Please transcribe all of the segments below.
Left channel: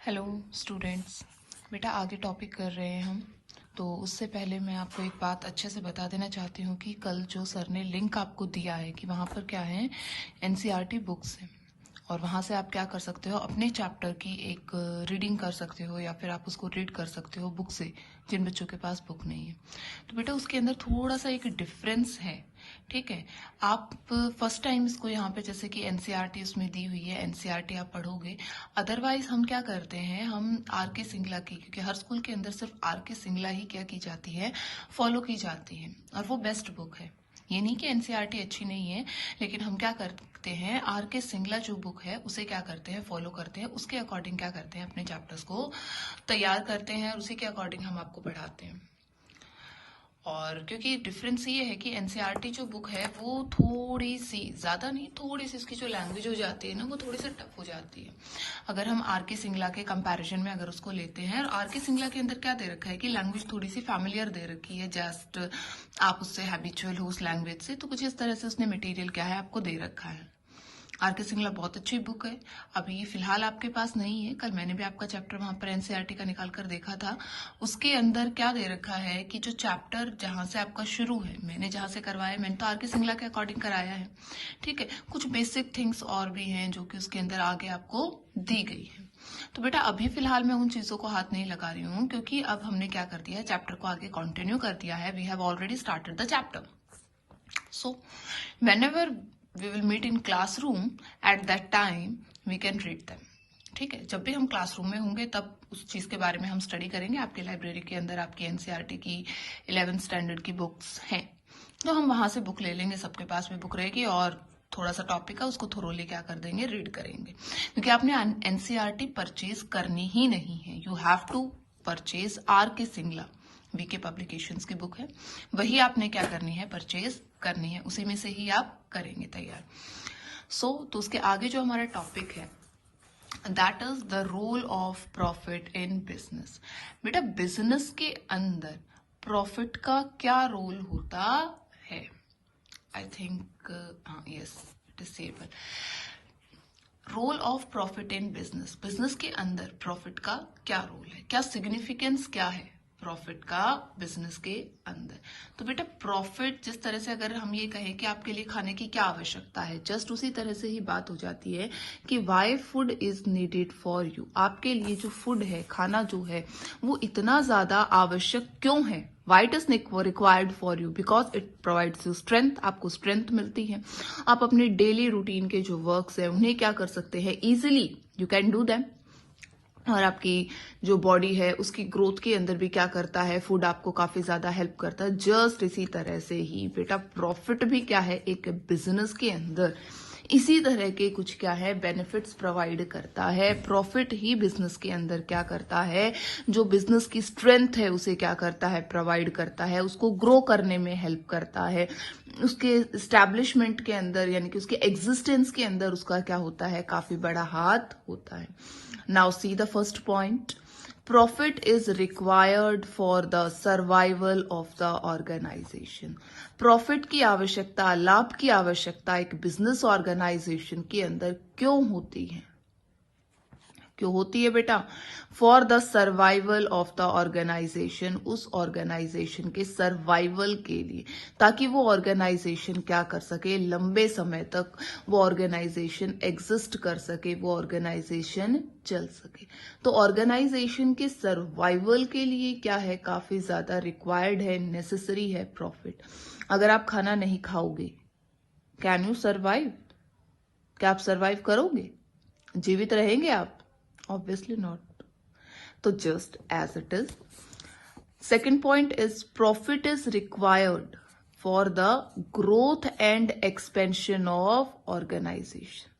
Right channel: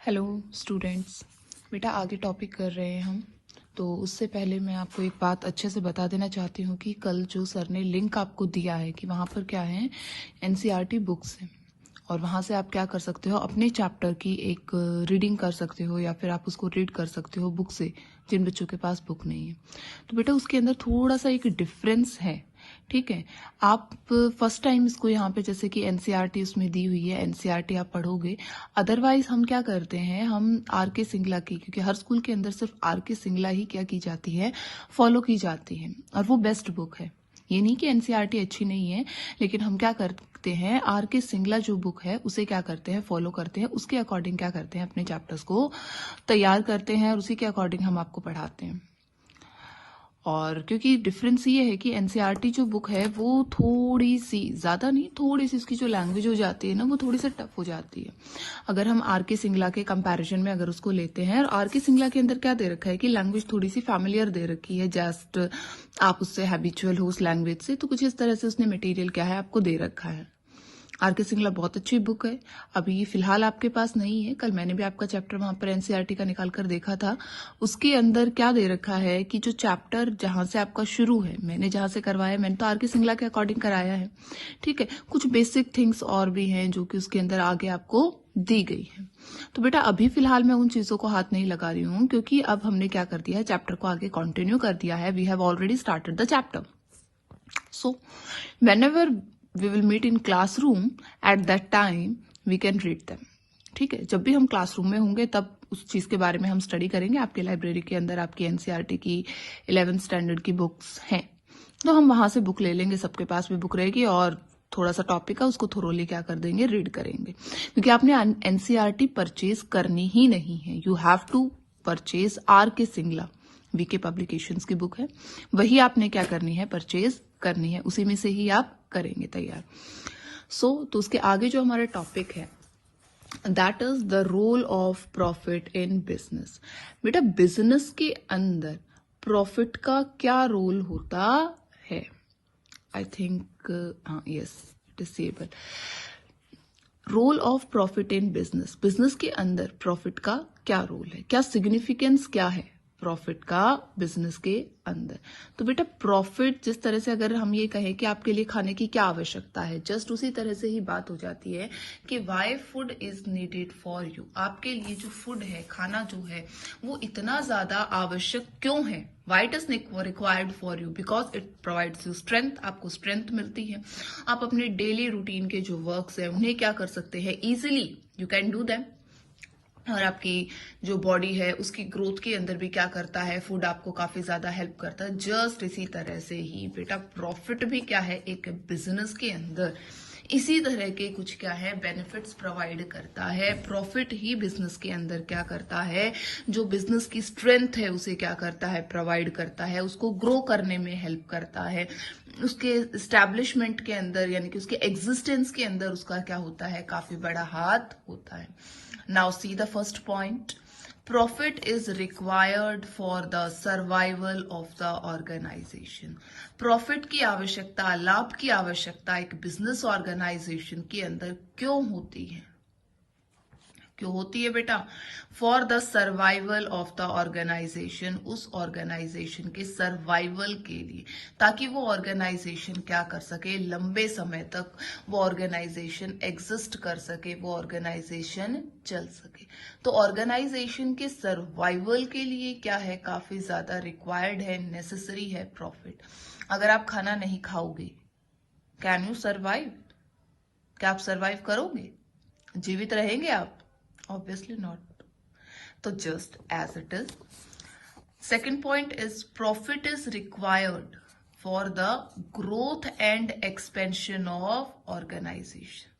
Hello students, बेटा आगे topic कर रहे हैं हम। तो उससे पहले मैं आपको एक बात अच्छे से बता देना चाहती हूँ कि कल जो सर ने लिंक आपको दिया है कि वहाँ पर क्या है, एनसीईआरटी बुक्स हैं और वहाँ से आप क्या कर सकते हो, अपने चैप्टर की एक रीडिंग कर सकते हो या फिर आप उसको रीड कर सकते हो बुक से, जिन बच्चों के पास बुक नहीं है। तो बेटा उसके अंदर थोड़ा सा एक डिफरेंस है, ठीक है। आप फर्स्ट टाइम इसको यहाँ पे जैसे कि एनसीईआरटी उसमें दी हुई है, एनसीईआरटी आप पढ़ोगे। अदरवाइज हम क्या करते हैं, हम आर के सिंगला की, क्योंकि हर स्कूल के अंदर सिर्फ आर के सिंगला ही क्या की जाती है, फॉलो की जाती है और वो बेस्ट बुक है। ये नहीं कि एनसीईआरटी अच्छी नहीं है, लेकिन हम क्या करते हैं, आर के सिंगला जो बुक है उसे क्या करते हैं, फॉलो करते हैं, उसके अकॉर्डिंग क्या करते हैं, अपने चैप्टर्स को तैयार करते हैं और उसी के अकॉर्डिंग हम आपको पढ़ाते हैं। और क्योंकि डिफरेंस ये है कि एनसीईआरटी जो बुक है वो थोड़ी सी, ज़्यादा नहीं, थोड़ी सी इसकी जो लैंग्वेज हो जाती है ना, वो थोड़ी सी टफ हो जाती है। अगर हम आर के सिंगला के कंपैरिजन में अगर उसको लेते हैं, और आर के सिंगला के अंदर क्या दे रखा है कि लैंग्वेज थोड़ी सी फैमिलियर दे रखी है, जस्ट आप उससे हैबिचुअल हो उस लैंग्वेज से, तो कुछ इस तरह से उसने मटेरियल क्या है आपको दे रखा है। आर के सिंगला बहुत अच्छी बुक है। अभी फिलहाल आपके पास नहीं है, कल मैंने भी आपका चैप्टर वहाँ पर एनसीईआरटी का निकाल कर देखा था। उसके अंदर क्या दे रखा है कि जो चैप्टर जहाँ से आपका शुरू है, मैंने जहाँ से करवाया, मैंने तो आर के सिंगला के अकॉर्डिंग कराया है, ठीक है। कुछ बेसिक थिंग्स और भी हैं जो कि उसके अंदर आगे आपको दी गई है। तो बेटा अभी फिलहाल मैं उन चीज़ों को हाथ नहीं लगा रही हूँ, क्योंकि अब हमने क्या कर दिया है, चैप्टर को आगे कंटिन्यू कर दिया है। We have already started the chapter. So, whenever we will meet in classroom, at that time we can read them. ठीक है, जब भी हम क्लासरूम में होंगे तब उस चीज़ के बारे में हम स्टडी करेंगे। आपके लाइब्रेरी के अंदर आपकी एनसीईआरटी की 11th स्टैंडर्ड की बुक्स हैं, तो हम वहाँ से बुक ले लेंगे, सबके पास भी बुक रहेगी और थोड़ा सा टॉपिक है उसको थोरोली क्या कर देंगे, रीड करेंगे। क्योंकि आपने एनसीईआरटी परचेज करनी ही नहीं है, you have to purchase R K Singla, VK publications की बुक है, वही आपने क्या करनी है, परचेज करनी है, उसी में से ही आप करेंगे तैयार। तो उसके आगे जो हमारा टॉपिक है, that is the role of profit in business. बेटा बिजनेस के अंदर प्रॉफिट का क्या रोल होता है? I think yes, disable. Role of profit in business, business के अंदर प्रॉफिट का क्या रोल है, क्या सिग्निफिकेंस क्या है प्रॉफिट का बिजनेस के अंदर? तो बेटा प्रॉफिट, जिस तरह से अगर हम ये कहें कि आपके लिए खाने की क्या आवश्यकता है, जस्ट उसी तरह से ही बात हो जाती है कि why food is needed for you. आपके लिए जो फूड है, खाना जो है, वो इतना ज्यादा आवश्यक क्यों है? Why it is required for you? Because it provides you strength, आपको स्ट्रेंथ मिलती है। आप अपने डेली रूटीन के जो वर्क्स है उन्हें क्या कर सकते हैं, easily you can do them. और आपकी जो बॉडी है उसकी ग्रोथ के अंदर भी क्या करता है, फूड आपको काफी ज्यादा हेल्प करता है। जस्ट इसी तरह से ही बेटा प्रॉफिट भी क्या है, एक बिजनेस के अंदर इसी तरह के कुछ क्या है, बेनिफिट्स प्रोवाइड करता है। प्रॉफिट ही बिजनेस के अंदर क्या करता है, जो बिजनेस की स्ट्रेंथ है उसे क्या करता है, प्रोवाइड करता है, उसको ग्रो करने में हेल्प करता है, उसके एस्टैब्लिशमेंट के अंदर यानी कि उसके एग्जिस्टेंस के अंदर उसका क्या होता है, काफी बड़ा हाथ होता है। Now see the first point, profit is required for the survival of the organisation. Profit की आवश्यकता, लाभ की आवश्यकता एक बिजनेस ऑर्गेनाइजेशन के अंदर क्यों होती है? क्यों होती है बेटा? For the survival of the organisation, उस ऑर्गेनाइजेशन के सर्वाइवल के लिए, ताकि वो ऑर्गेनाइजेशन क्या कर सके, लंबे समय तक वो ऑर्गेनाइजेशन एग्जिस्ट कर सके, वो ऑर्गेनाइजेशन चल सके। तो ऑर्गेनाइजेशन के सर्वाइवल के लिए क्या है, काफी ज्यादा रिक्वायर्ड है, नेसेसरी है प्रॉफिट। अगर आप खाना नहीं खाओगे, कैन यू सर्वाइव? क्या आप सर्वाइव करोगे? जीवित रहेंगे आप? Obviously not. So just as it is. Second point is profit is required for the growth and expansion of organization.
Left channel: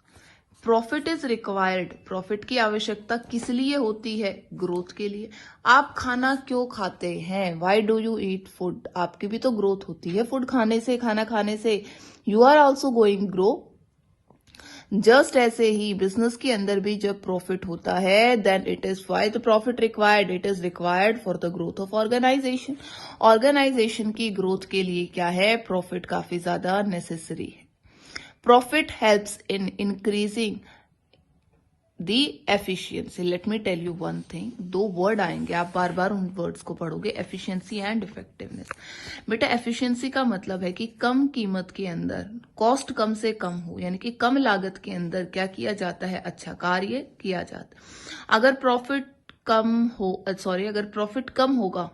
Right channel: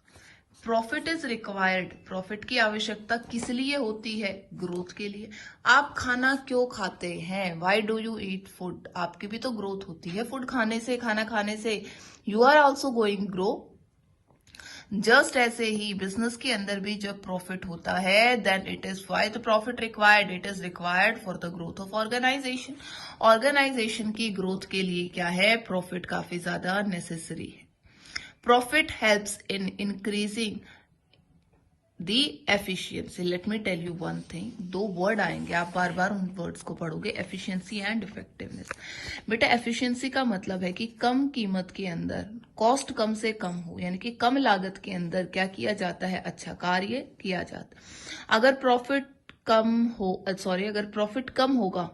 Profit is required, profit की आवश्यकता किस लिए होती है? ग्रोथ के लिए। आप खाना क्यों खाते हैं? Why do you eat food? आपकी भी तो ग्रोथ होती है फूड खाने से, खाना खाने से। You are also going grow. Just ऐसे ही बिजनेस के अंदर भी जब प्रॉफिट होता है, then it is why the profit required, it is required for the growth of organisation. Organisation की ग्रोथ के लिए क्या है, प्रॉफिट काफी ज्यादा नेसेसरी है। Profit helps in increasing the efficiency. Let me tell you one thing, दो word आएंगे, आप बार बार उन वर्ड्स को पढ़ोगे, एफिशिएंसी एंड इफेक्टिवनेस। बेटा एफिशिएंसी का मतलब है कि कम कीमत के अंदर कॉस्ट कम से कम हो, यानी कि कम लागत के अंदर क्या किया जाता है, अच्छा कार्य किया जाता है। अगर प्रॉफिट कम होगा,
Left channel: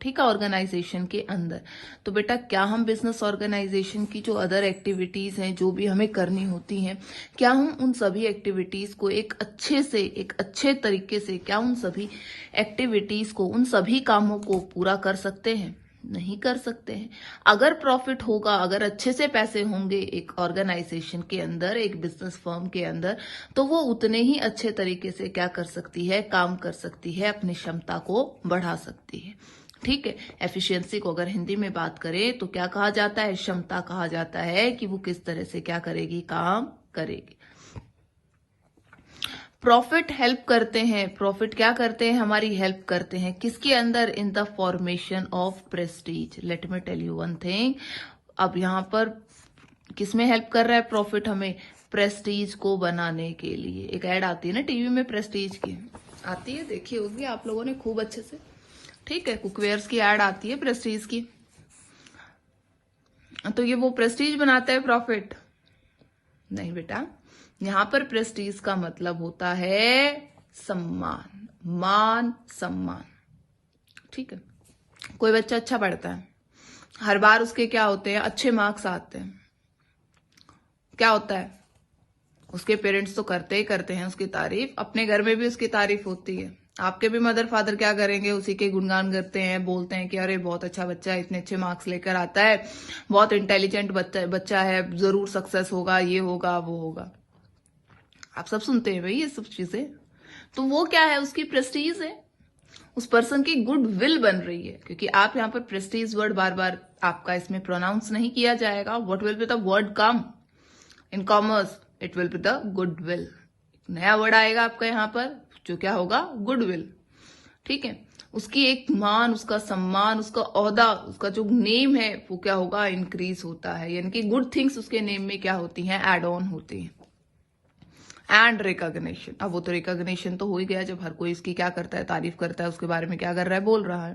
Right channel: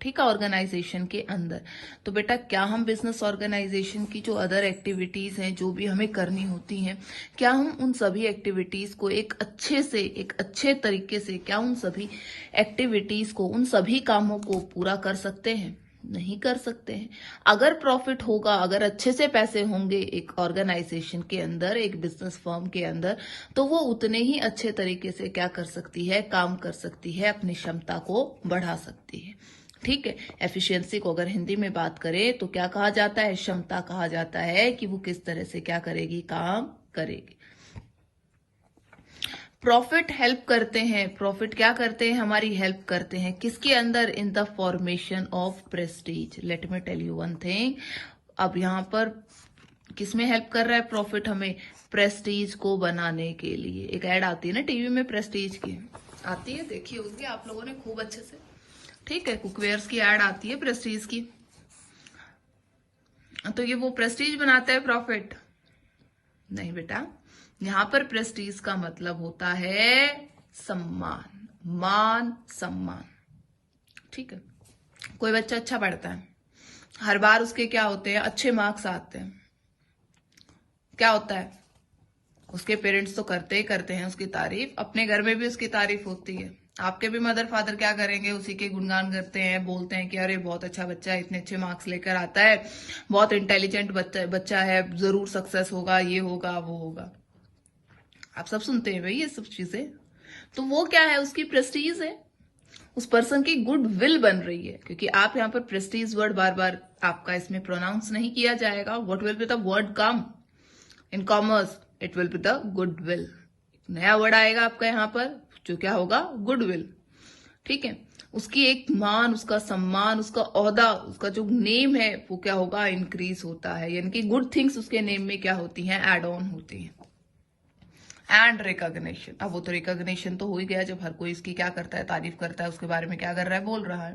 ठीक है, ऑर्गेनाइजेशन के अंदर, तो बेटा क्या हम बिजनेस ऑर्गेनाइजेशन की जो अदर एक्टिविटीज हैं, जो भी हमें करनी होती हैं, क्या हम उन सभी एक्टिविटीज को एक अच्छे तरीके से, क्या उन सभी एक्टिविटीज को, उन सभी कामों को पूरा कर सकते हैं? नहीं कर सकते हैं। अगर प्रॉफिट होगा, अगर अच्छे से पैसे होंगे एक ऑर्गेनाइजेशन के अंदर, एक बिजनेस फर्म के अंदर, तो वो उतने ही अच्छे तरीके से क्या कर सकती है, काम कर सकती है, अपनी क्षमता को बढ़ा सकती है। ठीक है, एफिशिएंसी को अगर हिंदी में बात करें तो क्या कहा जाता है, क्षमता कहा जाता है कि वो किस तरह से क्या करेगी, काम करेगी। प्रॉफिट हेल्प करते हैं, प्रॉफिट क्या करते हैं, हमारी हेल्प करते हैं, किसके अंदर, in the formation of prestige. Let me tell you one thing, अब यहां पर किसमें हेल्प कर रहा है प्रॉफिट, हमें प्रेस्टीज को बनाने के लिए। एक ऐड आती है ना टीवी में प्रेस्टीज की, आती है, देखी होगी आप लोगों ने खूब अच्छे से, ठीक है, कुकवेयर्स की ऐड आती है प्रेस्टीज की, तो ये वो प्रेस्टीज बनाता है प्रॉफिट? नहीं बेटा, यहां पर प्रेस्टीज का मतलब होता है सम्मान, मान सम्मान। ठीक है, कोई बच्चा अच्छा पढ़ता है, हर बार उसके क्या होते हैं, अच्छे मार्क्स आते हैं, क्या होता है, उसके पेरेंट्स तो करते ही करते हैं उसकी तारीफ, अपने घर में भी उसकी तारीफ होती है। आपके भी मदर फादर क्या करेंगे, उसी के गुणगान करते हैं, बोलते हैं कि अरे बहुत अच्छा बच्चा है, इतने अच्छे मार्क्स लेकर आता है, बहुत इंटेलिजेंट बच्चा है, जरूर सक्सेस होगा, ये होगा वो होगा। आप सब सुनते हैं भाई ये सब चीजें, तो वो क्या है, उसकी प्रेस्टीज है, उस पर्सन की गुड विल बन रही है। क्योंकि आप यहाँ पर प्रेस्टीज वर्ड बार बार आपका इसमें प्रोनाउंस नहीं किया जाएगा। What will be the word come in commerce, it will be the good will. नया वर्ड आएगा आपका यहाँ पर, जो क्या होगा, गुडविल। ठीक है, उसकी एक मान, उसका सम्मान, उसका ओहदा, उसका जो नेम है वो क्या होगा, इंक्रीज होता है, यानी कि गुड थिंग्स उसके नेम में क्या होती हैं, एड ऑन होती हैं। एंड रिकॉग्निशन, अब वो तो रिकॉग्निशन तो हो ही गया जब हर कोई इसकी क्या करता है, तारीफ करता है, उसके बारे में क्या कर रहा है, बोल रहा है।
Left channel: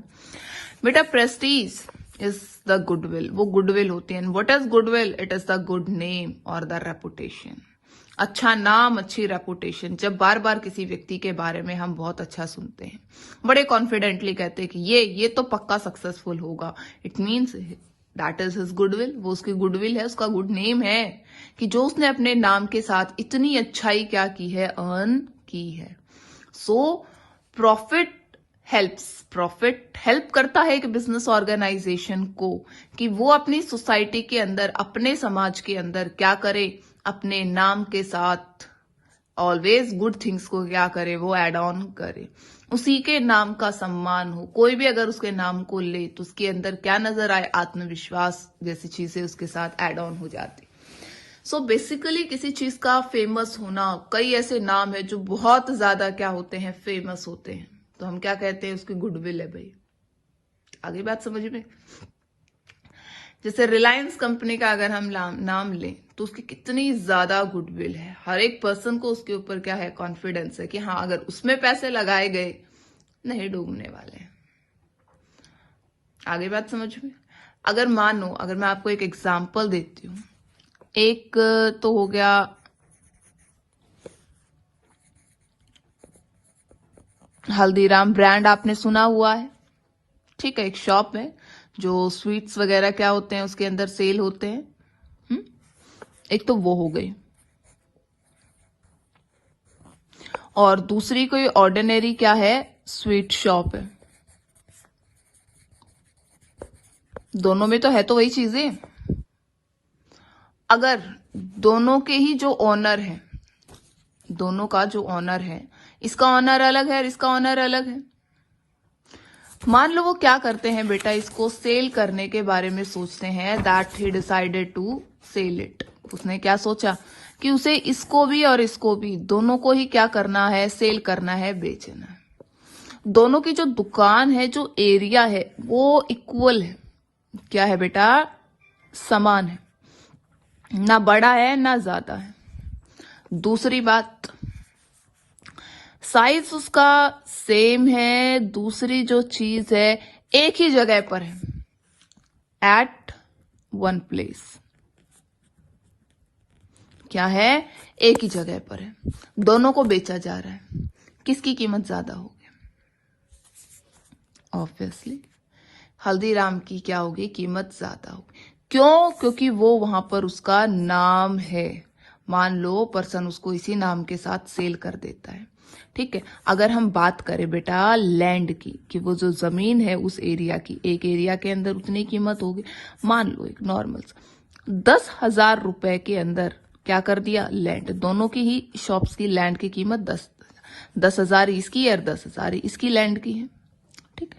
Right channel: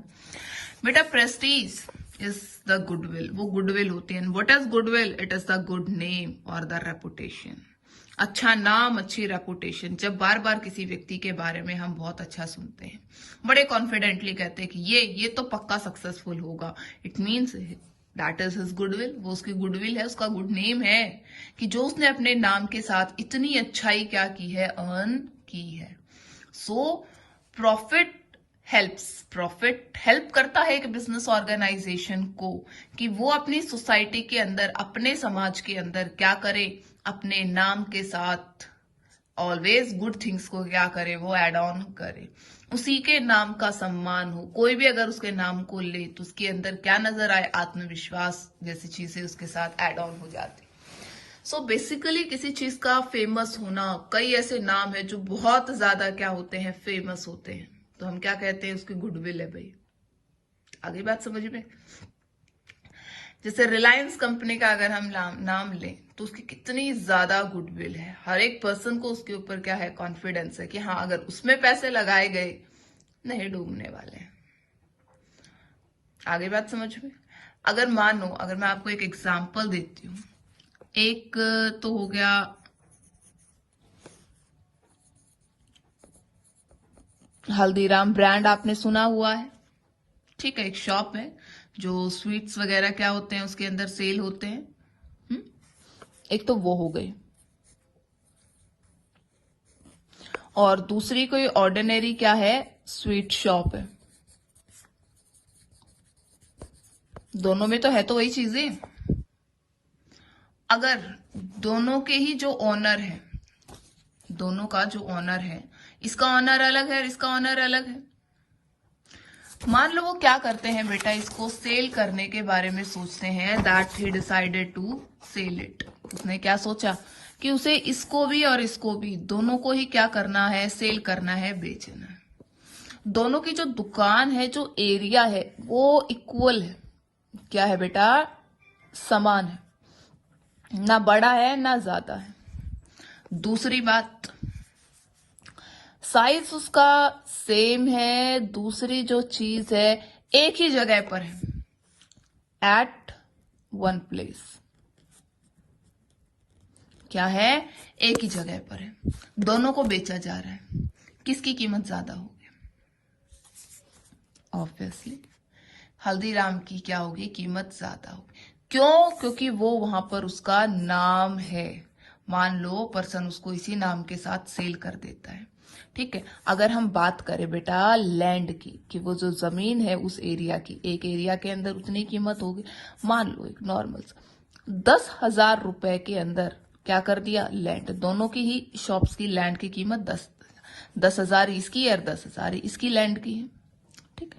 बेटा प्रेस्टीज इज द गुडविल, वो गुडविल होती है। What is goodwill, it is the good name और द रेपुटेशन, अच्छा नाम, अच्छी रेपुटेशन। जब बार बार किसी व्यक्ति के बारे में हम बहुत अच्छा सुनते हैं, बड़े कॉन्फिडेंटली कहते हैं कि ये तो पक्का सक्सेसफुल होगा, it means that is his goodwill, वो उसकी गुडविल है, उसका गुड नेम है, कि जो उसने अपने नाम के साथ इतनी अच्छाई क्या की है, अर्न की है। सो प्रॉफिट हेल्प करता है एक बिजनेस ऑर्गेनाइजेशन को कि वो अपनी सोसाइटी के अंदर, अपने समाज के अंदर क्या करे, अपने नाम के साथ ऑलवेज गुड थिंग्स को क्या करे, वो एड ऑन करे, उसी के नाम का सम्मान हो। कोई भी अगर उसके नाम को ले तो उसके अंदर क्या नजर आए, आत्मविश्वास जैसी चीजें उसके साथ एड ऑन हो जाती। सो बेसिकली किसी चीज का फेमस होना, कई ऐसे नाम है जो बहुत ज्यादा क्या होते हैं, फेमस होते हैं, तो हम क्या कहते हैं, उसकी गुडविल है भाई। आगे बात समझ में, जैसे रिलायंस कंपनी का अगर हम नाम लें तो उसकी कितनी ज्यादा गुडविल है, हर एक पर्सन को उसके ऊपर क्या है, कॉन्फिडेंस है कि हाँ अगर उसमें पैसे लगाए गए नहीं डूबने वाले हैं। आगे बात समझ में, अगर मानो, अगर मैं आपको एक एग्जांपल देती हूँ, एक तो हो गया हल्दीराम ब्रांड, आपने सुना हुआ है, ठीक है, एक शॉप है जो स्वीट्स वगैरह क्या होते हैं उसके अंदर सेल होते हैं। एक तो वो हो गई, और दूसरी कोई ऑर्डिनरी क्या है, स्वीट शॉप है। दोनों में तो है तो वही चीजें। अगर दोनों के ही जो ओनर है, दोनों का जो ओनर है, इसका ओनर अलग है और इसका ओनर अलग है, मान लो वो क्या करते हैं बेटा, इसको सेल करने के बारे में सोचते हैं, that he decided to sell it. उसने क्या सोचा कि उसे इसको भी और इसको भी, दोनों को ही क्या करना है, सेल करना है, बेचना है। दोनों की जो दुकान है, जो एरिया है, वो इक्वल है, क्या है बेटा, समान है, ना बड़ा है ना ज्यादा है। दूसरी बात, साइज उसका सेम है, दूसरी जो चीज है एक ही जगह पर है, एट वन प्लेस। क्या है? एक ही जगह पर है, दोनों को बेचा जा रहा है। किसकी कीमत ज्यादा होगी? ऑब्वियसली हल्दीराम की क्या होगी? कीमत ज्यादा होगी। क्यों? क्योंकि वो वहां पर उसका नाम है। मान लो पर्सन उसको इसी नाम के साथ सेल कर देता है, ठीक है। अगर हम बात करें बेटा लैंड की, कि वो जो जमीन है उस एरिया की, एक एरिया के अंदर उतनी कीमत होगी। मान लो एक नॉर्मल 10,000 रुपए के अंदर क्या कर दिया? लैंड। दोनों की ही शॉप्स की लैंड की कीमत 10,000 इसकी है और 10,000 इसकी लैंड की है, ठीक है।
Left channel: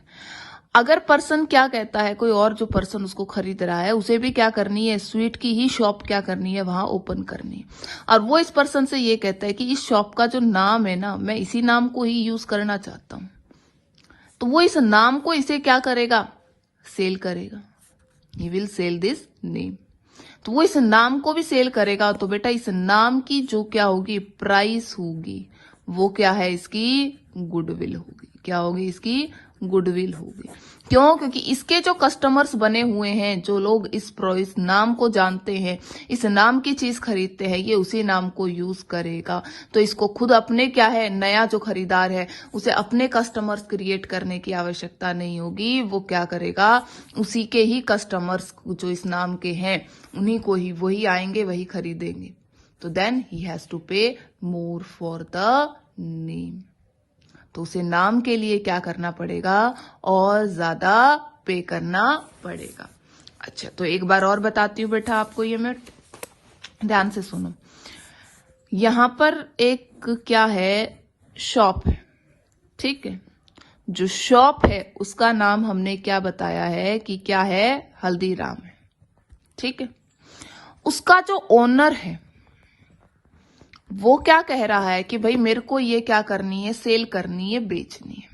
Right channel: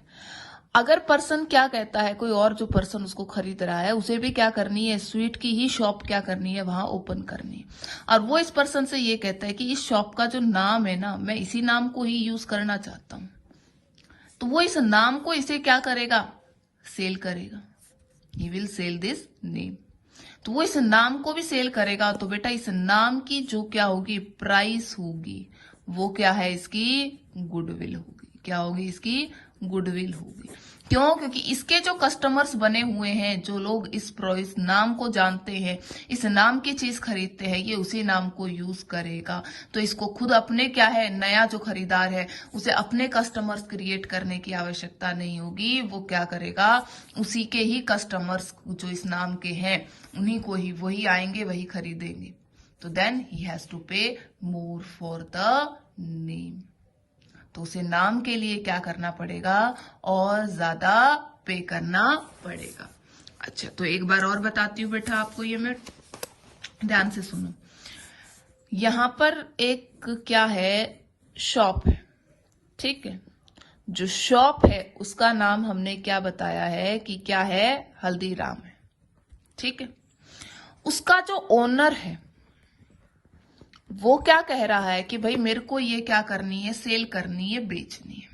अगर पर्सन क्या कहता है, कोई और जो पर्सन उसको खरीद रहा है, उसे भी क्या करनी है? स्वीट की ही शॉप क्या करनी है? वहां ओपन करनी है। और वो इस पर्सन से ये कहता है कि इस शॉप का जो नाम है ना, मैं इसी नाम को ही यूज करना चाहता हूं। तो वो इस नाम को इसे क्या करेगा? सेल करेगा। He will sell this name. तो वो इस नाम को भी सेल करेगा। तो बेटा इस नाम की जो क्या होगी? प्राइस होगी, वो क्या है? इसकी गुडविल होगी। क्या होगी? इसकी गुडविल होगी। क्यों? क्योंकि इसके जो कस्टमर्स बने हुए हैं, जो लोग इस नाम को जानते हैं, इस नाम की चीज खरीदते हैं, ये उसी नाम को यूज करेगा। तो इसको खुद अपने क्या है, नया जो खरीदार है उसे अपने कस्टमर्स क्रिएट करने की आवश्यकता नहीं होगी। वो क्या करेगा? उसी के ही कस्टमर्स जो इस नाम के हैं उन्हीं को ही, वही आएंगे, वही खरीदेंगे। तो देन ही हैज टू पे मोर फॉर द नेम। तो उसे नाम के लिए क्या करना पड़ेगा? और ज्यादा पे करना पड़ेगा। अच्छा, तो एक बार और बताती हूँ बेटा आपको, ये मैं ध्यान से सुनो। यहां पर एक क्या है? शॉप है, ठीक है। जो शॉप है उसका नाम हमने क्या बताया है कि क्या है? हल्दीराम, ठीक है। उसका जो ओनर है वो क्या कह रहा है कि भाई मेरे को ये क्या करनी है? सेल करनी है, बेचनी है।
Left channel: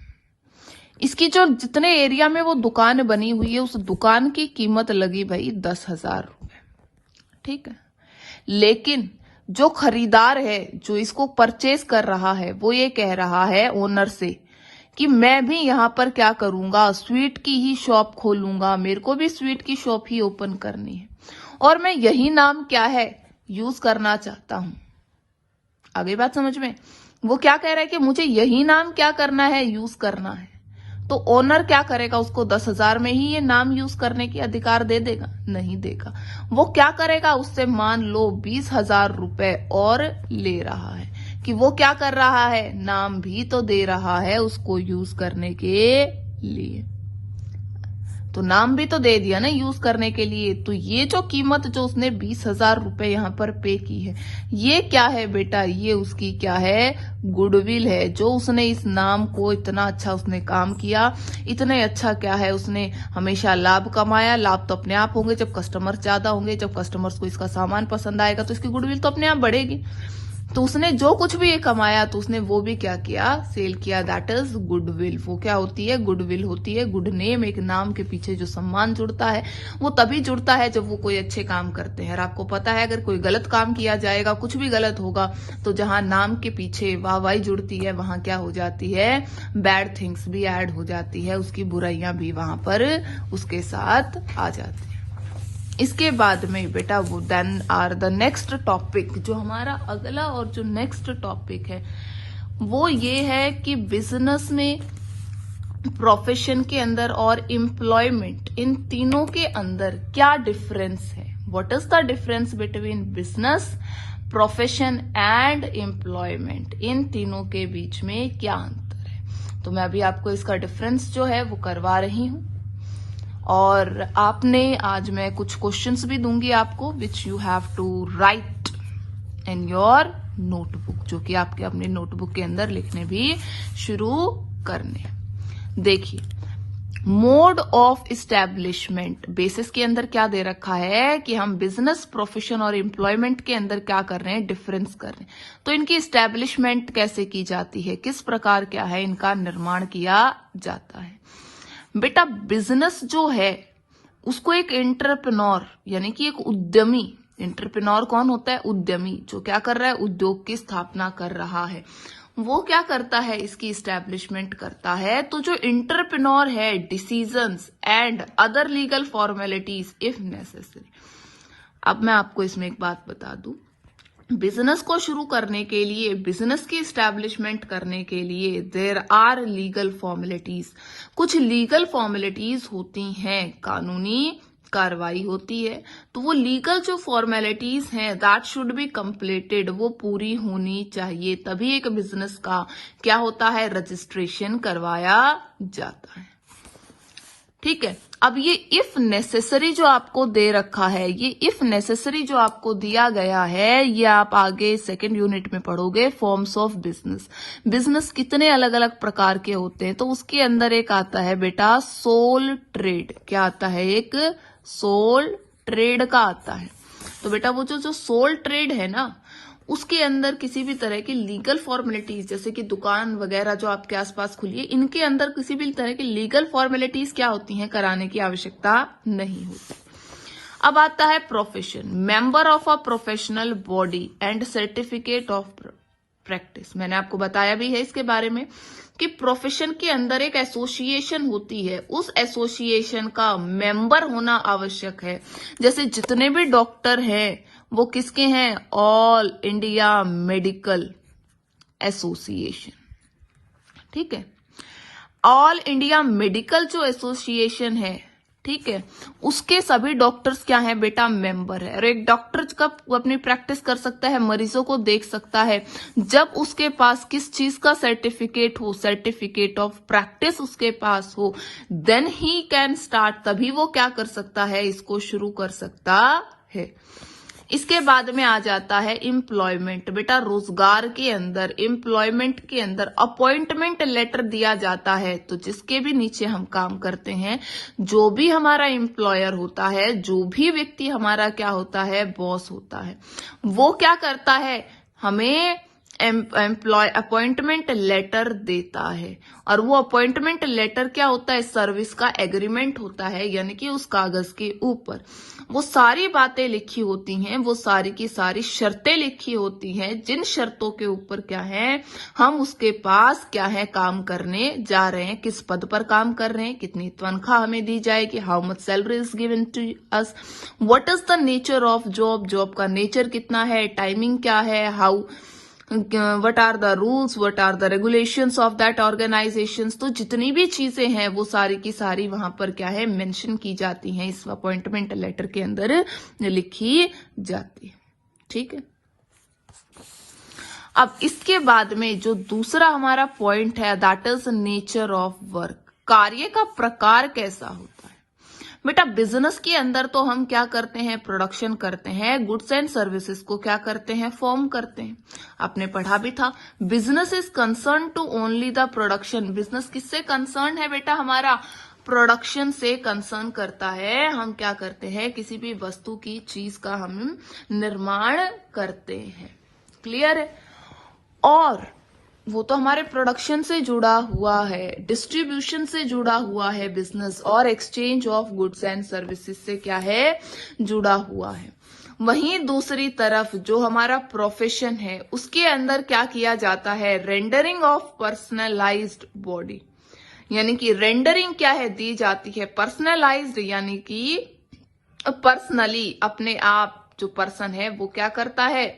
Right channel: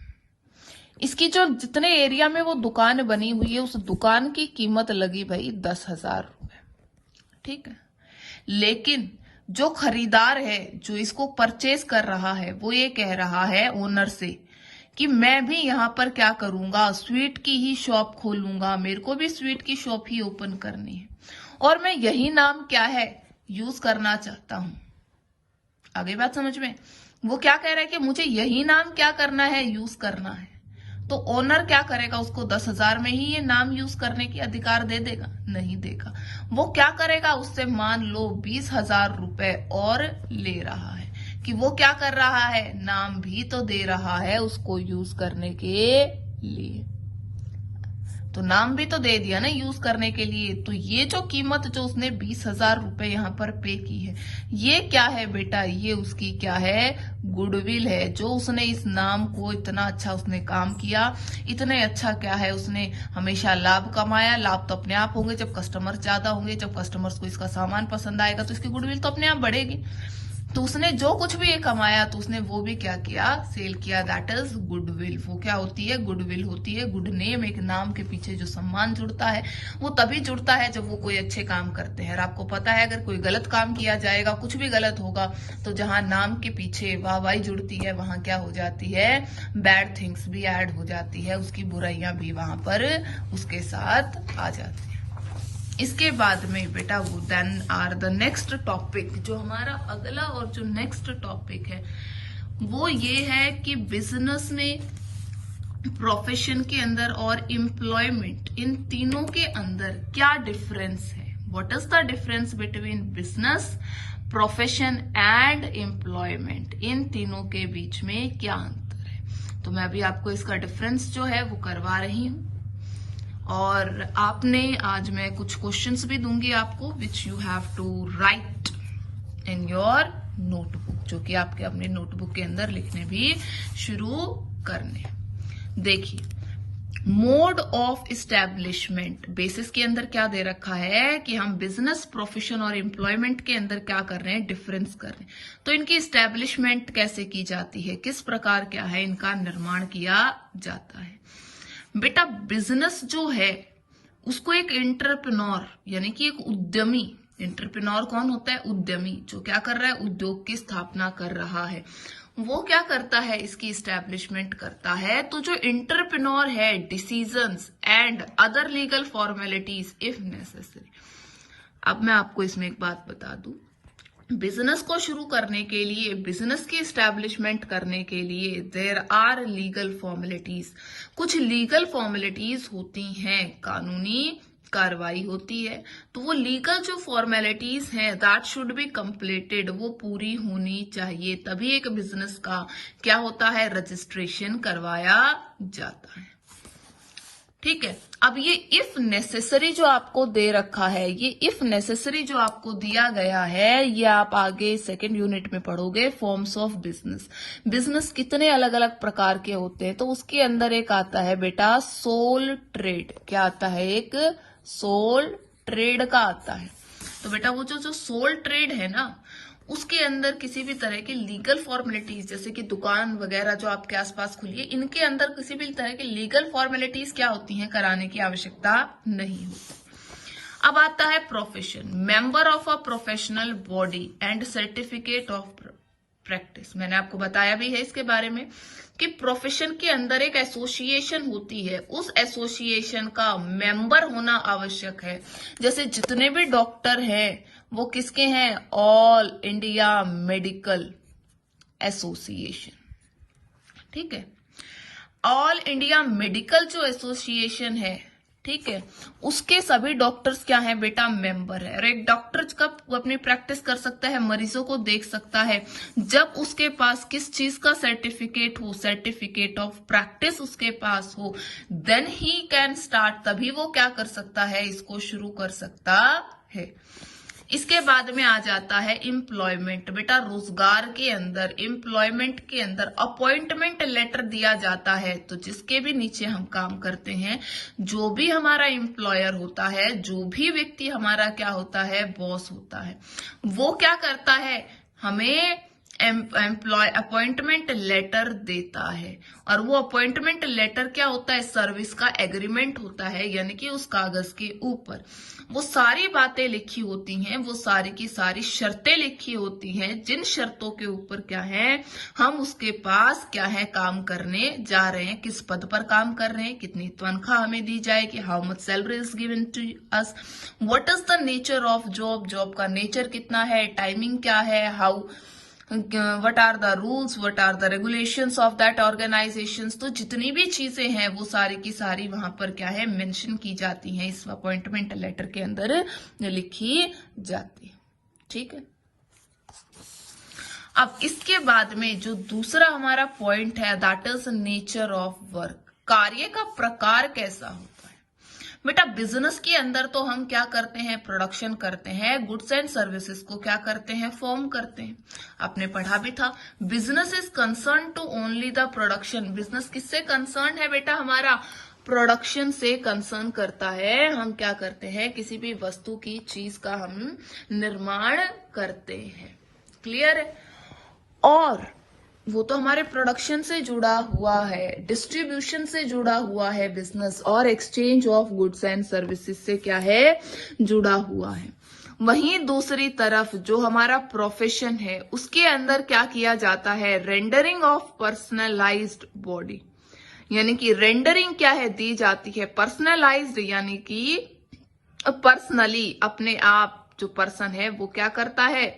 इसकी जो जितने एरिया में वो दुकान बनी हुई है, उस दुकान की कीमत लगी भाई 10,000 रुपए, ठीक है। लेकिन जो खरीदार है, जो इसको परचेज कर रहा है, वो ये कह रहा है ओनर से कि मैं भी यहाँ पर क्या करूंगा? स्वीट की ही शॉप खोलूंगा, मेरे को भी स्वीट की शॉप ही ओपन करनी है और मैं यही नाम क्या है? यूज करना चाहता हूं। आगे बात समझ में? वो क्या कह रहा है कि मुझे यही नाम क्या करना है? यूज करना है। तो ओनर क्या करेगा? उसको 10,000 में ही ये नाम यूज करने के अधिकार दे देगा? नहीं देगा। वो क्या करेगा? उससे मान लो 20,000 रुपए और ले रहा है कि वो क्या कर रहा है? नाम भी तो दे रहा है उसको यूज करने के लिए। तो नाम भी तो दे दिया ना यूज करने के लिए। तो ये जो कीमत जो उसने 20,000 रुपए यहाँ पर पे की है, ये क्या है बेटा? ये उसकी क्या है? गुडविल है। जो उसने इस नाम को इतना अच्छा उसने काम किया, इतने अच्छा क्या है? उसने हमेशा लाभ कमाया। लाभ तो अपने आप होंगे जब कस्टमर ज्यादा होंगे, जब कस्टमर्स को इसका सामान पसंद आएगा तो इसकी गुडविल तो अपने आप बढ़ेगी। तो उसने जो कुछ भी ये कमाया तो उसने वो भी क्या किया? सेल किया। That is goodwill. वो क्या होती है? गुडविल होती है। गुड नेम, एक नाम के पीछे जो सम्मान जुड़ता है वो तभी जुड़ता है जब वो कोई अच्छे काम करते हैं। और आपको पता है अगर कोई गलत काम किया जाएगा, कुछ भी गलत होगा, तो जहां नाम के पीछे वाहवाही जुड़ती है वहां क्या हो जाती है? बैड थिंग्स भी ऐड हो जाती है, उसकी बुराइयां भी वहां पर उसके साथ आ जाती है। इसके बाद में बेटा वो then are the next topic, जो हमारा अगला और जो नेक्स्ट टॉपिक है वो ये है कि बिजनेस में, प्रोफेशन के अंदर और एम्प्लॉयमेंट, इन तीनों के अंदर क्या डिफरेंस है? What is the difference between business, profession and employment? इन तीनों के बीच में क्या अंतर है? तो मैं अभी आपको इसका डिफरेंस जो है वो करवा रही हूं। और आपने आज मैं कुछ क्वेश्चंस भी दूंगी आपको, which you have to write in your notebook, जो कि आपके अपने नोटबुक के अंदर लिखने भी शुरू करने। देखिए, मोड ऑफ इस्टेब्लिशमेंट बेसिस के अंदर क्या दे रखा है कि हम बिजनेस, प्रोफेशन और एम्प्लॉयमेंट के अंदर क्या कर रहे हैं? डिफरेंस कर रहे हैं। तो इनकी इस्टेब्लिशमेंट कैसे की जाती है, किस प्रकार क्या है इनका निर्माण किया जाता है? बेटा बिजनेस जो है उसको एक एंटरप्रेन्योर यानी कि एक उद्यमी, एंटरप्रेन्योर कौन होता है? उद्यमी, जो क्या कर रहा है? उद्योग की स्थापना कर रहा है। वो क्या करता है, इसकी इस्टेब्लिशमेंट करता है। तो जो इंटरप्रेन्योर है, decisions and other legal formalities if necessary. अब मैं आपको इसमें एक बात बता दूं, बिजनेस को शुरू करने के लिए, बिजनेस की इस्टेब्लिशमेंट करने के लिए देयर आर लीगल फॉर्मेलिटीज। कुछ लीगल फॉर्मेलिटीज होती हैं, कानूनी कार्रवाई होती है, तो वो लीगल जो फॉर्मेलिटीज हैं दैट शुड बी कंप्लीटेड, वो पूरी होनी चाहिए, तभी एक बिजनेस का क्या होता है, रजिस्ट्रेशन करवाया जाता है। ठीक है। अब ये इफ नेसेसरी जो आपको दे रखा है, ये इफ नेसेसरी जो आपको दिया गया है, ये आप आगे सेकंड यूनिट में पढ़ोगे, फॉर्म्स ऑफ बिजनेस। बिजनेस कितने अलग अलग प्रकार के होते हैं, तो उसके अंदर एक आता है बेटा सोल ट्रेड। क्या आता है, एक सोल ट्रेड का आता है। तो बेटा वो जो सोल ट्रेड है ना, उसके अंदर किसी भी तरह की लीगल फॉर्मेलिटीज, जैसे कि दुकान वगैरह जो आपके आसपास खुली है, इनके अंदर किसी भी तरह की लीगल फॉर्मेलिटीज क्या होती हैं, कराने की आवश्यकता नहीं होती। अब आता है profession, member of a professional body and certificate of practice. मैंने आपको बताया भी है इसके बारे में कि प्रोफेशन के अंदर एक एसोसिएशन होती है, उस एसोसिएशन का मेंबर होना आवश्यक है। जैसे जितने भी डॉक्टर हैं वो किसके हैं, ऑल इंडिया मेडिकल एसोसिएशन। ठीक है, ऑल इंडिया मेडिकल जो एसोसिएशन है, ठीक है, उसके सभी डॉक्टर्स क्या है बेटा, मेंबर है। और एक डॉक्टर कब अपनी प्रैक्टिस कर सकता है, मरीजों को देख सकता है, जब उसके पास किस चीज का सर्टिफिकेट हो, सर्टिफिकेट ऑफ प्रैक्टिस उसके पास हो, देन ही कैन स्टार्ट, तभी वो क्या कर सकता है, इसको शुरू कर सकता है। इसके बाद में आ जाता है एम्प्लॉयमेंट। बेटा रोजगार के अंदर, एम्प्लॉयमेंट के अंदर अपॉइंटमेंट लेटर दिया जाता है, तो जिसके भी नीचे हम काम करते हैं, जो भी हमारा एम्प्लॉयर होता है, जो भी व्यक्ति हमारा क्या होता है, बॉस होता है, वो क्या करता है, हमें अपॉइंटमेंट लेटर देता है। और वो अपॉइंटमेंट लेटर क्या होता है, सर्विस का एग्रीमेंट होता है, यानी कि उस कागज के ऊपर वो सारी बातें लिखी होती हैं, वो सारी की सारी शर्तें लिखी होती हैं, जिन शर्तों के ऊपर क्या है, हम उसके पास क्या है, काम करने जा रहे हैं, किस पद पर काम कर रहे हैं, कितनी तनख्वाह हमें दी जाएगी, how much salary is given to us, what is the nature of job, job का नेचर कितना है, टाइमिंग क्या है, how what are the rules, what are the regulations of that organizations। तो जितनी भी चीजें हैं वो सारी की सारी वहां पर क्या है, मेंशन की जाती हैं, इस अपॉइंटमेंट लेटर के अंदर लिखी जाती है। ठीक है। अब इसके बाद में जो दूसरा हमारा पॉइंट है, that is nature of work. कार्य का प्रकार कैसा होता है बेटा, बिजनेस के अंदर तो हम क्या करते हैं, प्रोडक्शन करते हैं, गुड्स एंड सर्विसेज को क्या करते हैं, फॉर्म करते हैं। आपने पढ़ा भी था, business is concern to only the production. Business किससे कंसर्न है बेटा, हमारा प्रोडक्शन से कंसर्न करता है। हम क्या करते हैं, किसी भी वस्तु की चीज का हम निर्माण करते हैं। क्लियर है। और वो तो हमारे प्रोडक्शन से जुड़ा हुआ है, डिस्ट्रीब्यूशन से जुड़ा हुआ है बिजनेस, और exchange of goods and services से क्या है, जुड़ा हुआ है। वहीं दूसरी तरफ जो हमारा प्रोफेशन है, उसके अंदर क्या किया जाता है, रेंडरिंग ऑफ पर्सनलाइज्ड बॉडी, यानी कि रेंडरिंग क्या है, दी जाती है, पर्सनलाइज्ड यानी कि पर्सनली अपने आप जो पर्सन है वो क्या करता है,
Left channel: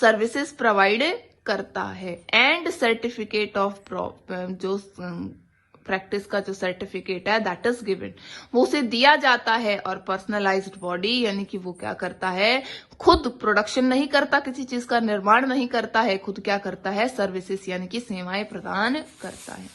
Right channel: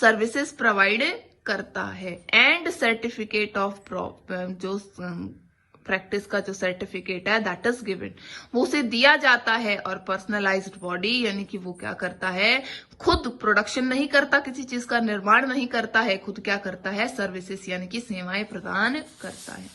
सर्विसेज प्रोवाइड करता है। एंड सर्टिफिकेट ऑफ जो प्रैक्टिस का जो सर्टिफिकेट है दैट इज गिवन, वो उसे दिया जाता है। और पर्सनलाइज्ड बॉडी यानी कि वो क्या करता है, खुद प्रोडक्शन नहीं करता, किसी चीज का निर्माण नहीं करता है, खुद क्या करता है, सर्विसेज यानी कि सेवाएं प्रदान करता है।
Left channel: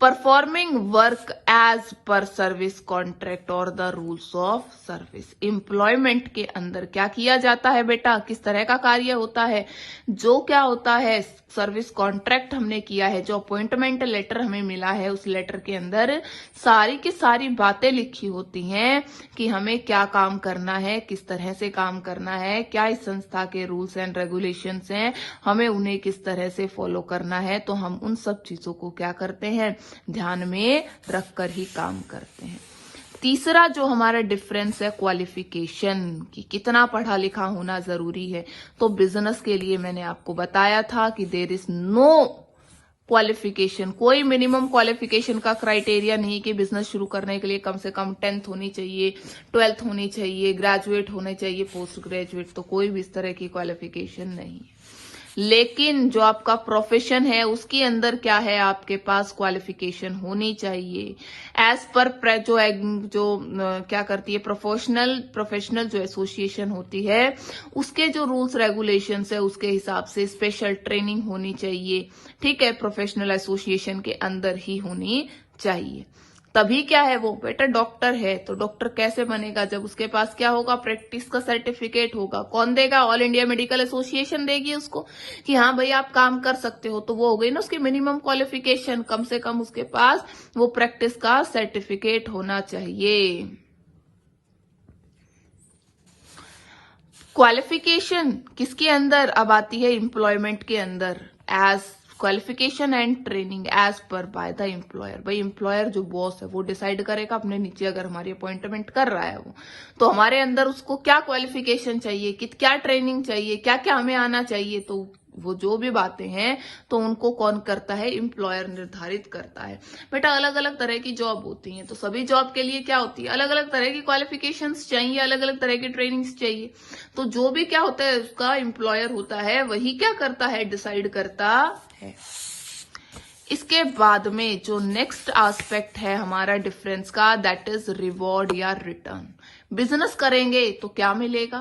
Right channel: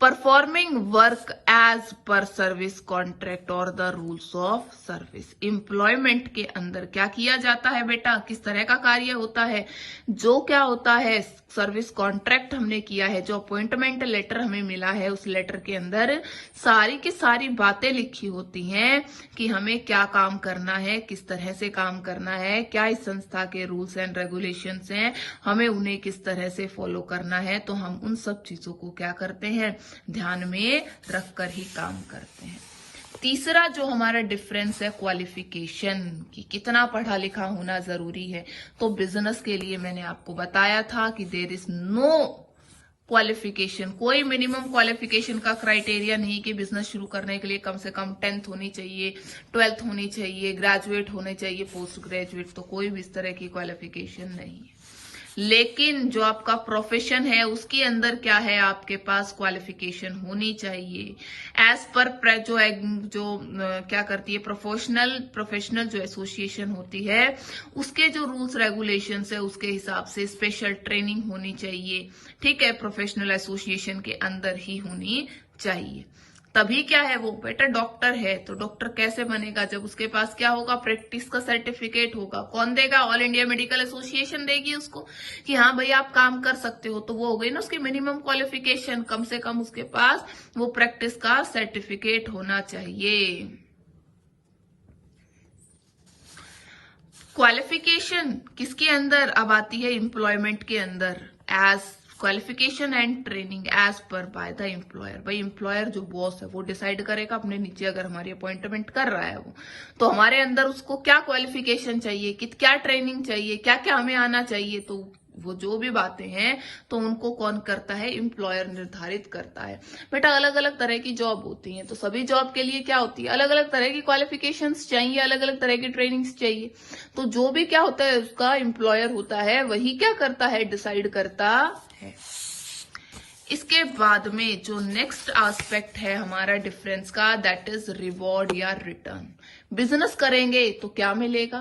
Performing work as per service contract और the rules of service. Employment के अंदर क्या किया जाता है बेटा, किस तरह का कार्य होता है, जो क्या होता है, सर्विस कॉन्ट्रैक्ट हमने किया है, जो अपॉइंटमेंट लेटर हमें मिला है, उस लेटर के अंदर सारी की सारी बातें लिखी होती हैं कि हमें क्या काम करना है, किस तरह से काम करना है, क्या इस संस्था के रूल्स एंड रेगुलेशंस हैं, हमें उन्हें किस तरह से फॉलो करना है। तो हम उन सब चीजों को क्या करते हैं, ध्यान में रखकर ही काम करते हैं। तीसरा जो हमारा डिफरेंस है क्वालिफिकेशन की, कितना पढ़ा लिखा होना जरूरी है। तो बिजनेस के लिए मैंने आपको बताया था कि देयर इज नो क्वालिफिकेशन, कोई मिनिमम क्वालिफिकेशन का क्राइटेरिया नहीं कि बिजनेस शुरू करने के लिए कम से कम 10th होनी चाहिए, 12th होनी चाहिए, ग्रेजुएट होने चाहिए, पोस्ट ग्रेजुएट, तो कोई भी इस तरह की क्वालिफिकेशन नहीं है। लेकिन जो आपका प्रोफेशन है उसके अंदर क्या है, आपके पास क्वालिफिकेशन होनी चाहिए। एज पर क्या करती है प्रोफेशनल जो एसोसिएशन होती है उसके जो रूल्स रेगुलेशंस है उसके हिसाब से स्पेशल ट्रेनिंग होनी चाहिए। ठीक है, प्रोफेशनल एसोसिएशन के अंदर ही होनी चाहिए। तभी क्या है वो बेटा डॉक्टर है, तो डॉक्टर कैसे बनेगा, जब उसके पास क्या होगा, प्रैक्टिस का सर्टिफिकेट होगा। कौन देगा, ऑल इंडिया मेडिकल एसोसिएशन देगी उसको कि हाँ भाई आप काम कर सकते हो। तो वो हो गई ना उसकी मिनिमम क्वालिफिकेशन, कम से कम उसके पास वो प्रैक्टिस का सर्टिफिकेट होना चाहिए। क्वालिफिकेशन किसके अंदर अब आती है, एम्प्लॉयमेंट के अंदर। As qualification and training as per by the employer. भाई एम्प्लॉयर जो बॉस है वो डिसाइड करेगा अपने नीचे, अगर हमारी अपॉइंटमेंट कर रहा है वो, तो हमारे अंदर उसको क्या क्वालिफिकेशन चाहिए, क्या ट्रेनिंग चाहिए, क्या क्या हमें आना चाहिए, तो वो जो भी बातें हैं तो उनको कौन करता है, एम्प्लॉयर निर्धारित करता है। बेटा अलग अलग तरह की जॉब होती हैं, तो सभी जॉब के लिए क्या होती है, अलग अलग तरह की क्वालिफिकेशंस चाहिए, अलग अलग तरह की ट्रेनिंग्स चाहिए। तो जो भी क्या होता है उसका एम्प्लॉयर होता है वही क्या करता है, डिसाइड करता है। इसके बाद में जो नेक्स्ट एस्पेक्ट है हमारा डिफरेंस का, दैट इज रिवॉर्ड या रिटर्न। बिजनेस करेंगे तो क्या मिलेगा,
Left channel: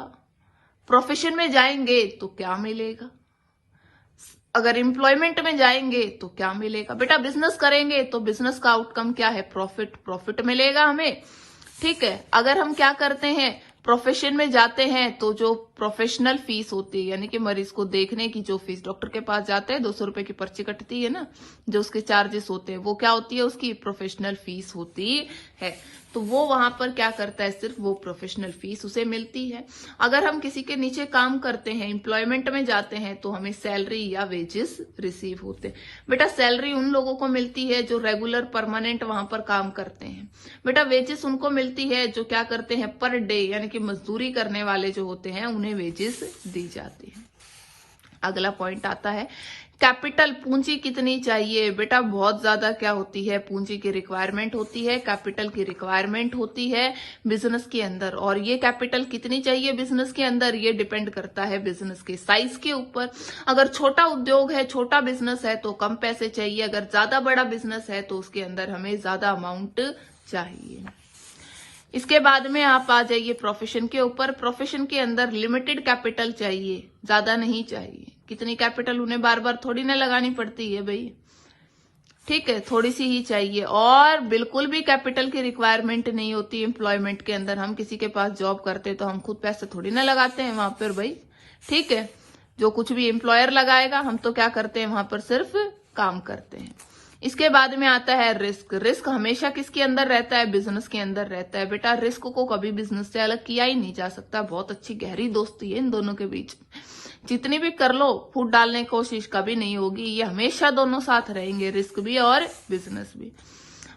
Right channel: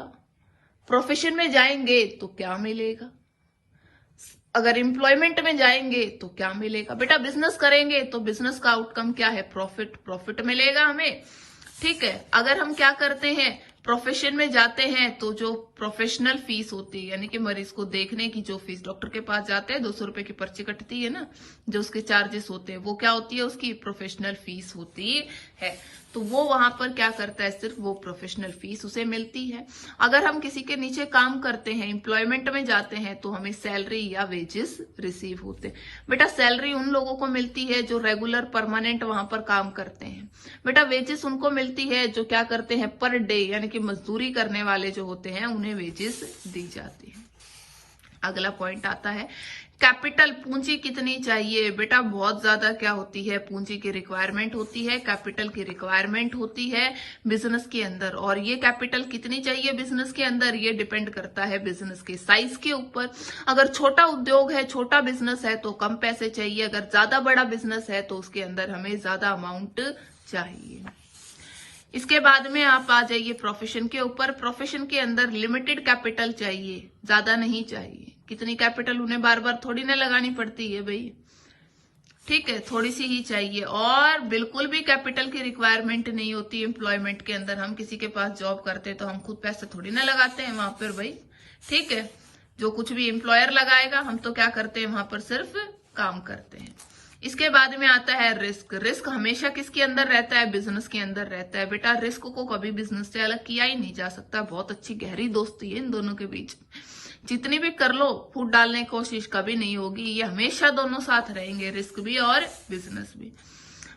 प्रोफेशन में जाएंगे तो क्या मिलेगा, अगर एम्प्लॉयमेंट में जाएंगे तो क्या मिलेगा। बेटा बिजनेस करेंगे तो बिजनेस का आउटकम क्या है, प्रॉफिट मिलेगा हमें। ठीक है, अगर हम क्या करते हैं, प्रोफेशन में जाते हैं तो जो प्रोफेशनल फीस होती है, यानी कि मरीज को देखने की जो फीस, डॉक्टर के पास जाते हैं 200 रुपए की पर्ची कटती है ना, जो उसके चार्जेस होते हैं, वो क्या होती है, उसकी प्रोफेशनल फीस होती है। तो वो वहां पर क्या करता है, सिर्फ वो प्रोफेशनल फीस उसे मिलती है। अगर हम किसी के नीचे काम करते हैं, एम्प्लॉयमेंट में जाते हैं, तो हमें सैलरी या वेजेस रिसीव होते हैं। बेटा सैलरी उन लोगों को मिलती है जो रेगुलर परमानेंट वहां पर काम करते हैं। बेटा वेजेस उनको मिलती है जो क्या करते हैं, पर डे, यानी कि मजदूरी करने वाले जो होते हैं उन्हें वेजेस दी जाती है। अगला पॉइंट आता है कैपिटल, पूंजी कितनी चाहिए। बेटा बहुत ज्यादा क्या होती है, पूंजी की रिक्वायरमेंट होती है, कैपिटल की रिक्वायरमेंट होती है बिजनेस के अंदर। और ये कैपिटल कितनी चाहिए बिजनेस के अंदर, ये डिपेंड करता है बिजनेस के साइज के ऊपर। अगर छोटा उद्योग है, छोटा बिजनेस है तो कम पैसे चाहिए, अगर ज्यादा बड़ा बिजनेस है तो उसके अंदर हमें ज्यादा अमाउंट चाहिए। इसके बाद में आप आ जाइए प्रोफेशन के ऊपर। प्रोफेशन के अंदर लिमिटेड कैपिटल चाहिए, ज्यादा नहीं चाहिए। कितनी कैपिटल उन्हें बार बार थोड़ी ना लगानी पड़ती है भाई, ठीक है, थोड़ी सी ही चाहिए। और बिल्कुल भी कैपिटल की रिक्वायरमेंट नहीं होती एम्प्लॉयमेंट के अंदर। हम किसी के पास जॉब करते तो हम खुद पैसे थोड़ी ना लगाते हैं वहां पर भाई, ठीक है, जो कुछ भी एम्प्लॉयर लगाएगा हम तो क्या करते हैं वहां पर सिर्फ काम करते हैं। इसके बाद में आता है रिस्क। रिस्क हमेशा किसके अंदर रहता है, बिजनेस के अंदर रहता है। बेटा रिस्क को कभी बिजनेस से अलग किया ही नहीं जा सकता, बहुत अच्छी गहरी दोस्ती है इन दोनों के बीच। जितनी भी कर लो फूट डालने की कोशिश कभी नहीं होगी, ये हमेशा दोनों साथ रहेंगे, रिस्क भी और बिजनेस भी।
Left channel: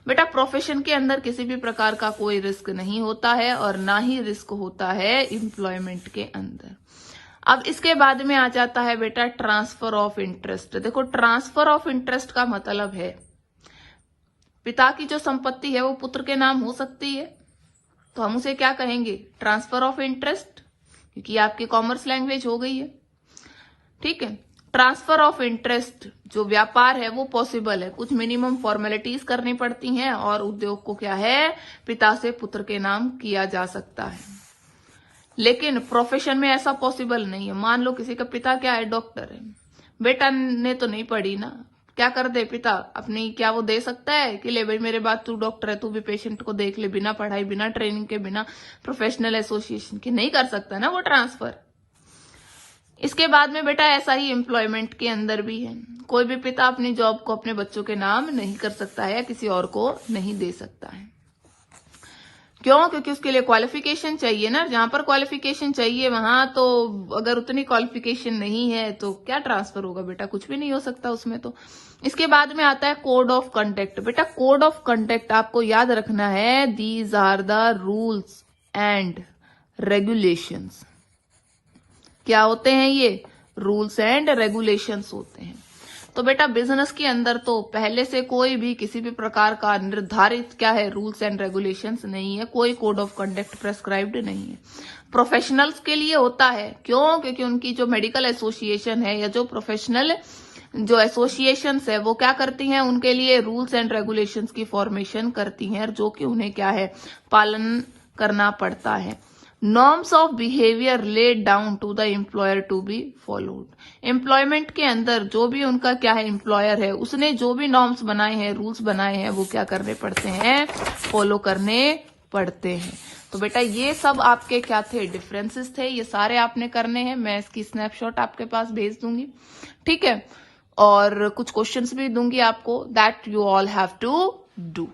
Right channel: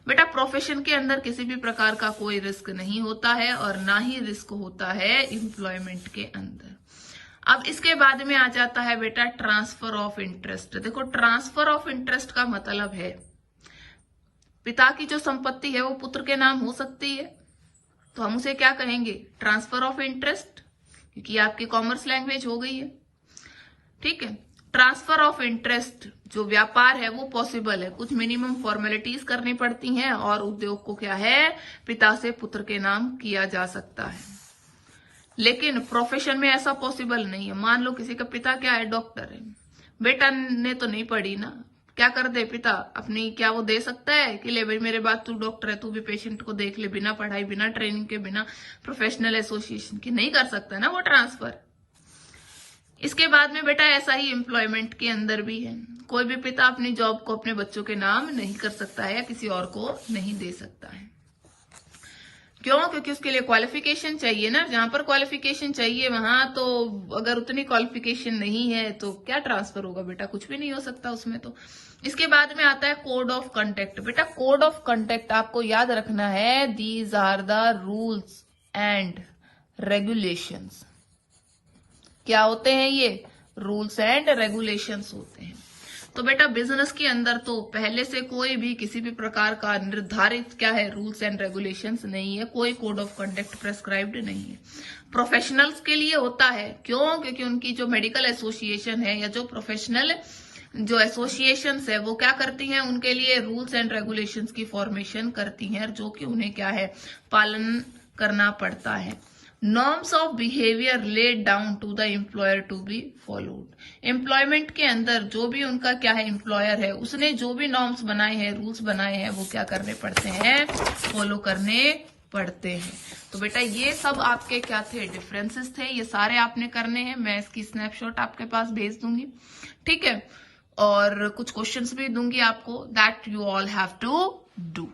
बेटा प्रोफेशन के अंदर किसी भी प्रकार का कोई रिस्क नहीं होता है और ना ही रिस्क होता है एम्प्लॉयमेंट के अंदर। अब इसके बाद में आ जाता है बेटा ट्रांसफर ऑफ इंटरेस्ट। देखो ट्रांसफर ऑफ इंटरेस्ट का मतलब है पिता की जो संपत्ति है वो पुत्र के नाम हो सकती है, तो हम उसे क्या कहेंगे, ट्रांसफर ऑफ इंटरेस्ट, क्योंकि आपकी कॉमर्स लैंग्वेज हो गई है। ठीक है, ट्रांसफर ऑफ इंटरेस्ट जो व्यापार है वो पॉसिबल है, कुछ मिनिमम फॉर्मेलिटीज करनी पड़ती हैं और उद्योग को क्या है, पिता से पुत्र के नाम किया जा सकता है। लेकिन प्रोफेशन में ऐसा पॉसिबल नहीं है। मान लो किसी का पिता क्या है, डॉक्टर है, बेटा ने तो नहीं पढ़ी ना, क्या कर दे पिता अपनी, क्या वो दे सकता है कि ले भाई मेरे बाद तू डॉक्टर है, तू भी पेशेंट को देख ले, बिना पढ़ाई, बिना ट्रेनिंग के, बिना प्रोफेशनल एसोसिएशन के, नहीं कर सकता ना वो ट्रांसफर। इसके बाद में बेटा ऐसा ही एम्प्लॉयमेंट के अंदर भी है, कोई भी पिता अपनी जॉब को अपने बच्चों के नाम नहीं कर सकता है या किसी और को नहीं दे सकता है। क्यों? क्योंकि उसके लिए क्वालिफिकेशन चाहिए ना, जहां पर क्वालिफिकेशन चाहिए वहां तो अगर उतनी क्वालिफिकेशन नहीं है तो क्या ट्रांसफर होगा बेटा, कुछ भी नहीं हो सकता उसमें तो। इसके बाद में आता है कोड ऑफ कंडक्ट। बेटा कोड ऑफ कंडक्ट आपको याद रखना है, these are the rules and regulations. क्या होते हैं ये? रूल्स एंड रेगुलेशंस होते हैं। तो बेटा बिजनेस के अंदर तो पहले से कोई भी किसी भी प्रकार का निर्धारित क्या है, रूल्स एंड रेगुलेशंस नहीं है, कोई कोड ऑफ कंडक्ट प्रेस्क्राइब्ड नहीं है। प्रोफेशनल्स के लिए होता है, क्यों? क्योंकि उनकी जो मेडिकल एसोसिएशन है या जो प्रोफेशनल जो एसोसिएशंस है वो क्या करती हैं, उनके लिए रूल्स एंड रेगुलेशंस की फॉर्मेशन करती हैं, जो कि उन्हें क्या है, पालन करना पड़ता है। Norms of behaviour laid down to the employer to be followed. Employment के अंदर जो भी उनका क्या है, एम्प्लॉयर है, उसने जो भी नॉर्म्स बनाए हैं, रूल्स बनाए हैं, वो क्या करने पड़ते हैं, फॉलो करने पड़ते हैं। तो बेटा ये सब आपके क्या थे, डिफरेंसेस थे, ये सारे आपने करने हैं। मैं इसकी स्नैपशॉट आपके पास भेज दूंगी, ठीक है, और कुछ क्वेश्चंस भी दूंगी आपको, that you all have to do.